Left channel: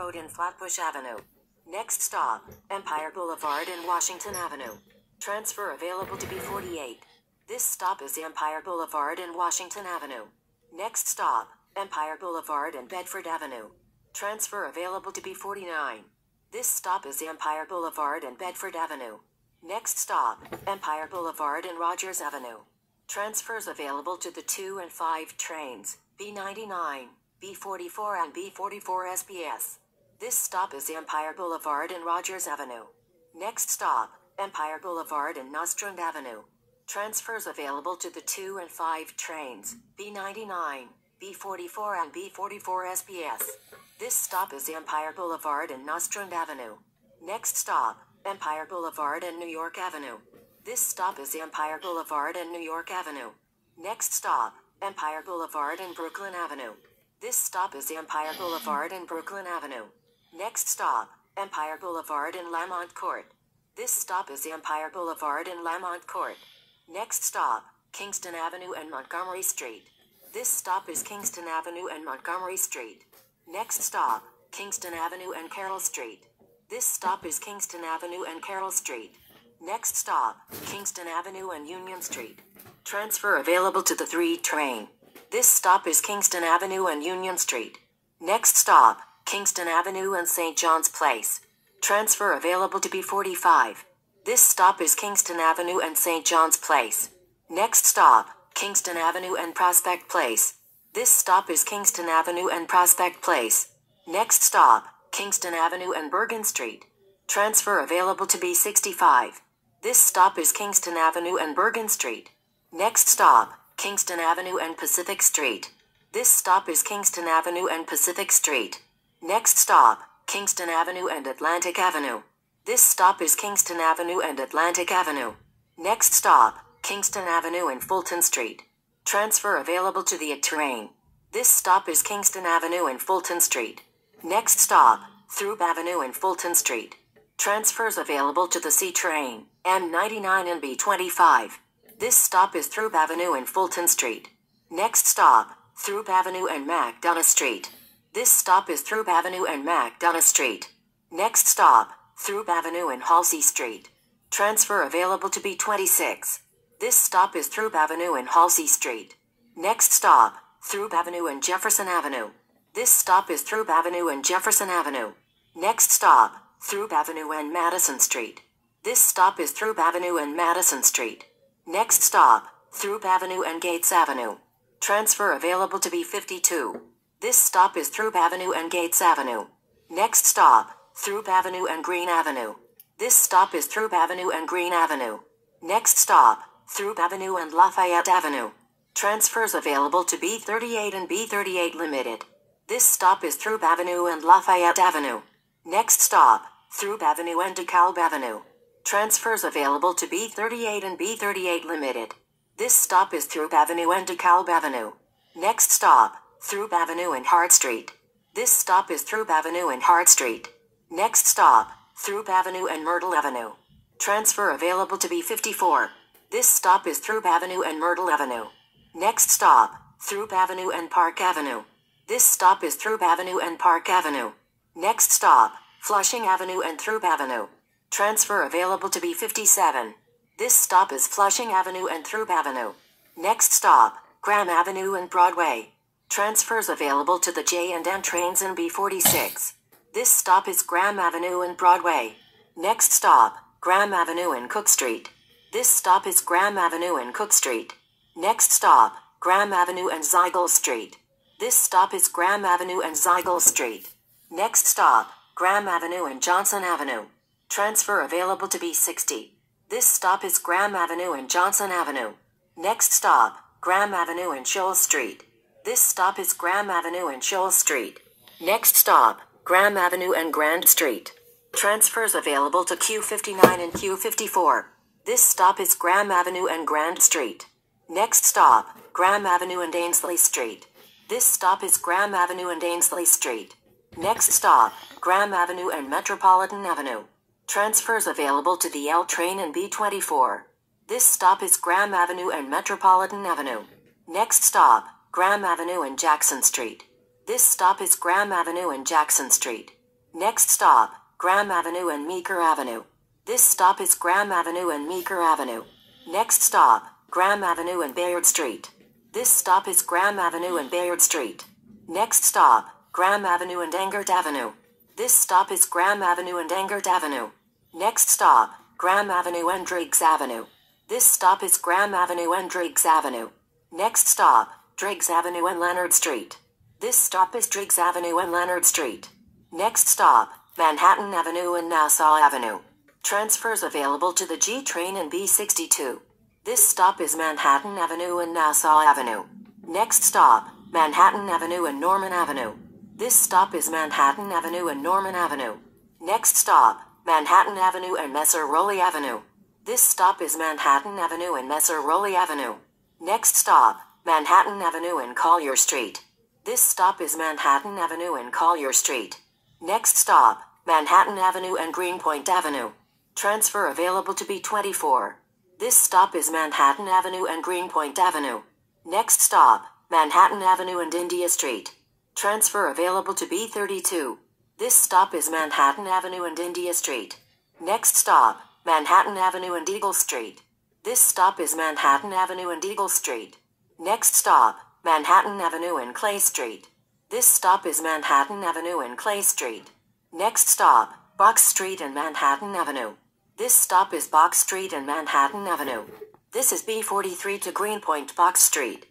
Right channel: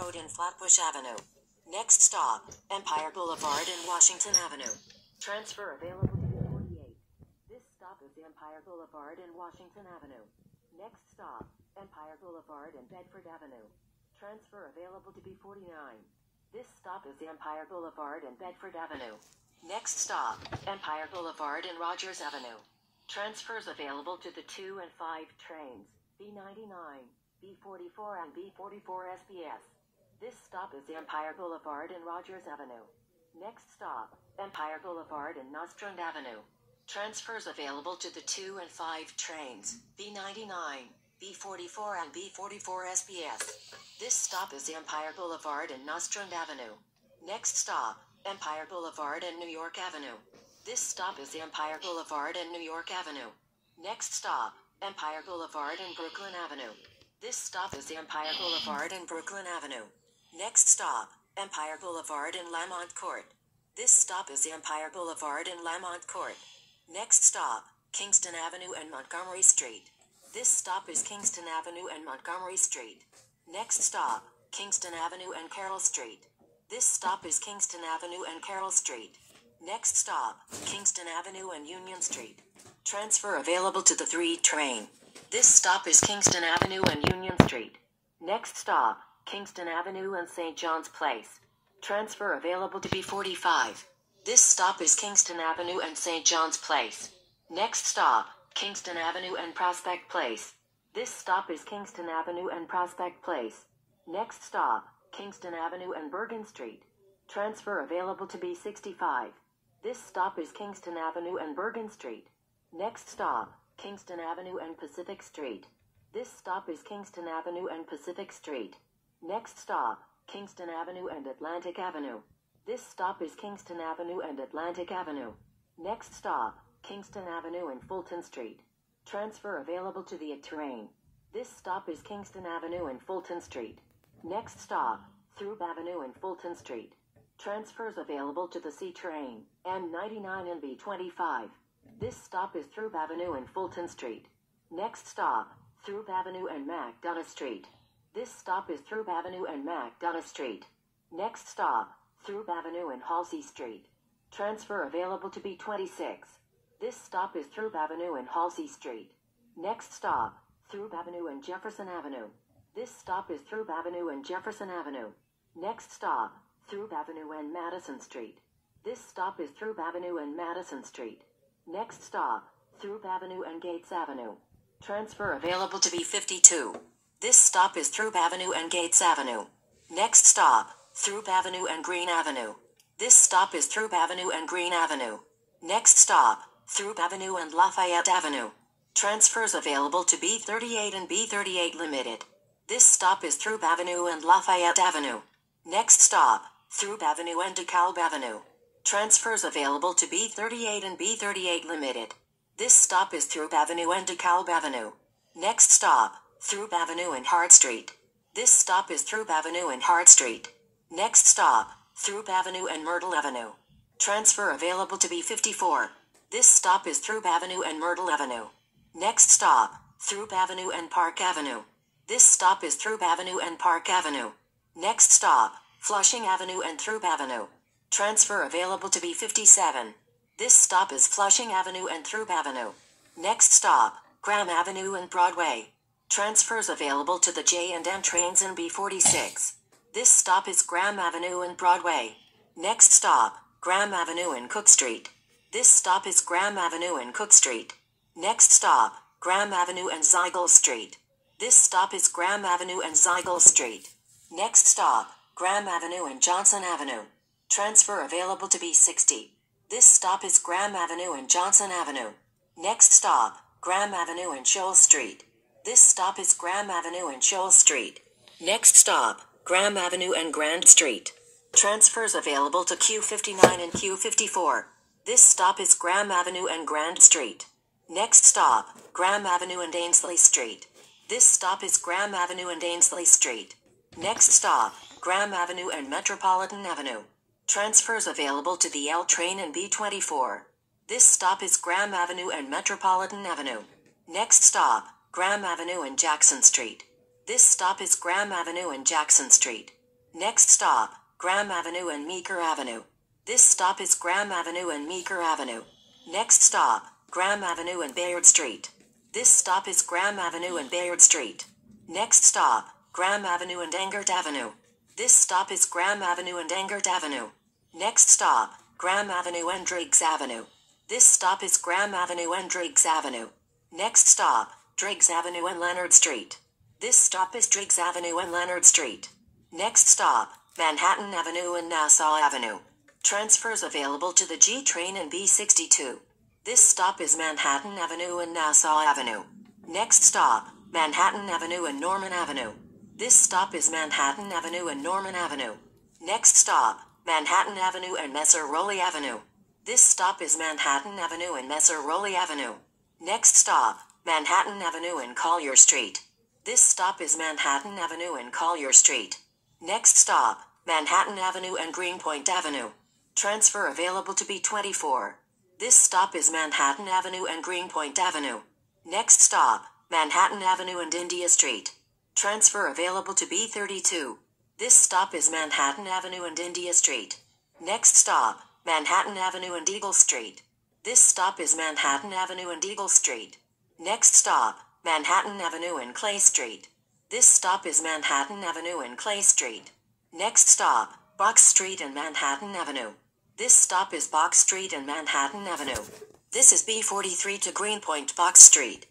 Road and Flatbush Avenue. Next stop, Empire Boulevard and Washington Avenue. Transfer available to B48. This stop is Empire Boulevard and Washington Avenue. Next stop, Empire Boulevard and Bedford Avenue. Transfer available to B49. This stop is Empire Boulevard and Bedford Avenue. Next stop, Empire Boulevard and Rogers Avenue. Transfers available to the 2 and 5 trains, B99, B44 and B44 SBS. This stop is Empire Boulevard and Rogers Avenue. Next stop, Empire Boulevard and Nostrand Avenue. Transfers available to the 2 and 5 trains, B99, B44 and B44 SBS. This stop is Empire Boulevard and Nostrand Avenue. Next stop, Empire Boulevard and New York Avenue. This stop is Empire Boulevard and New York Avenue. Next stop, Empire Boulevard and Brooklyn Avenue. This stop is Empire Boulevard and Brooklyn Avenue. Next stop, Empire Boulevard and Lamont Court. This stop is Empire Boulevard and Lamont Court. Next stop, Kingston Avenue and Montgomery Street. This stop is Kingston Avenue and Montgomery Street. Next stop, Kingston Avenue and Carroll Street. This stop is Kingston Avenue and Carroll Street. Next stop, Kingston Avenue and Union Street. Transfer available to the 3 train. This stop is Kingston Avenue and Union Street. Next stop, Kingston Avenue and St. John's Place. Transfer available to B45. This stop is Kingston Avenue and St. John's Place. Next stop, Kingston Avenue and Prospect Place. This stop is Kingston Avenue and Prospect Place. Next stop, Kingston Avenue and Bergen Street. Transfer available to B65. This stop is Kingston Avenue and Bergen Street. Next stop, Kingston Avenue and Pacific Street. This stop is Kingston Avenue and Pacific Street. Next stop, Kingston Avenue and Atlantic Avenue. This stop is Kingston Avenue and Atlantic Avenue. Next stop, Kingston Avenue and Fulton Street. Transfer available to the A train. This stop is Kingston Avenue and Fulton Street. Next stop, Throop Avenue and Fulton Street. Transfers available to the C train, M99 and B25. This stop is Throop Avenue and Fulton Street. Next stop, Throop Avenue and MacDonough Street. This stop is Throop Avenue and MacDonough Street. Next stop, Throop Avenue and Halsey Street. Transfer available to B26. This stop is Throop Avenue and Halsey Street. Next stop, Throop Avenue and Jefferson Avenue. This stop is Throop Avenue and Jefferson Avenue. Next stop, Throop Avenue and Madison Street. This stop is Throop Avenue and Madison Street. Next stop, Throop Avenue and Gates Avenue. Transfer available to B52. This stop is Throop Avenue and Gates Avenue. Next stop, Throop Avenue and Green Avenue. This stop is Throop Avenue and Green Avenue. Next stop, Throop Avenue and Lafayette Avenue. Transfers available to B38 and B38 Limited. This stop is Throop Avenue and Lafayette Avenue. Next stop, Throop Avenue and DeKalb Avenue. Transfers available to B38 and B38 Limited. This stop is Throop Avenue and DeKalb Avenue. Next stop, Throop Avenue and Hart Street. This stop is Throop Avenue and Hart Street. Next stop, Throop Avenue and Myrtle Avenue. Transfer available to B54. This stop is Throop Avenue and Myrtle Avenue. Next stop, Throop Avenue and Park Avenue. This stop is Throop Avenue and Park Avenue. Next stop, Flushing Avenue and Throop Avenue. Transfer available to B57. This stop is Flushing Avenue and Throop Avenue. Next stop, Graham Avenue and Broadway. Transfers available to the J and N trains in B46. This stop is Graham Avenue and Broadway. Next stop, Graham Avenue and Cook Street. This stop is Graham Avenue and Cook Street. Next stop, Graham Avenue and Ziegel Street. This stop is Graham Avenue and Ziegel Street. Next stop, Graham Avenue and Johnson Avenue. Transfer available to B60. This stop is Graham Avenue and Johnson Avenue. Next stop, Graham Avenue and Shoal Street. This stop is Graham Avenue and Shoal Street. Next stop, Graham Avenue and Grand Street. Transfers available to Q59 and Q54. This stop is Graham Avenue and Grand Street. Next stop, Graham Avenue and Ainsley Street. This stop is Graham Avenue and Ainsley Street. Next stop, Graham Avenue and Metropolitan Avenue. Transfers available to the L train in B24. This stop is Graham Avenue and Metropolitan Avenue. Next stop, Graham Avenue and Jackson Street. This stop is Graham Avenue and Jackson Street. Next stop, Graham Avenue and Meeker Avenue. This stop is Graham Avenue and Meeker Avenue. Next stop, Graham Avenue and Bayard Street. This stop is Graham Avenue and Bayard Street. Next stop, Graham Avenue and Engert Avenue. This stop is Graham Avenue and Engert Avenue. Next stop, Graham Avenue and Driggs Avenue. This stop is Graham Avenue and Driggs Avenue. Next stop, Driggs Avenue and Leonard Street. This stop is Driggs Avenue and Leonard Street. Next stop, Manhattan Avenue and Nassau Avenue. Transfers available to the G train and B62. This stop is Manhattan Avenue and Nassau Avenue. Next stop, Manhattan Avenue and Norman Avenue. This stop is Manhattan Avenue and Norman Avenue. Next stop, Manhattan Avenue and Messer Rowley Avenue. This stop is Manhattan Avenue and Messer Rowley Avenue. Next stop, Manhattan Avenue and Collier Street. This stop is Manhattan Avenue and Collier Street. Next stop, Manhattan Avenue and Greenpoint Avenue. Transfer available to B24. This stop is Manhattan Avenue and Greenpoint Avenue. Next stop, Manhattan Avenue and India Street. Transfer available to B32. This stop is Manhattan Avenue and India Street. Next stop, Manhattan Avenue and Eagle Street. This stop is Manhattan Avenue and Eagle Street. Next stop, Manhattan Avenue and Clay Street. This stop is Manhattan Avenue and Clay Street. Next stop, Box Street and Manhattan Avenue. This stop is Box Street and Manhattan Avenue. This is B43 to Greenpoint Box Street.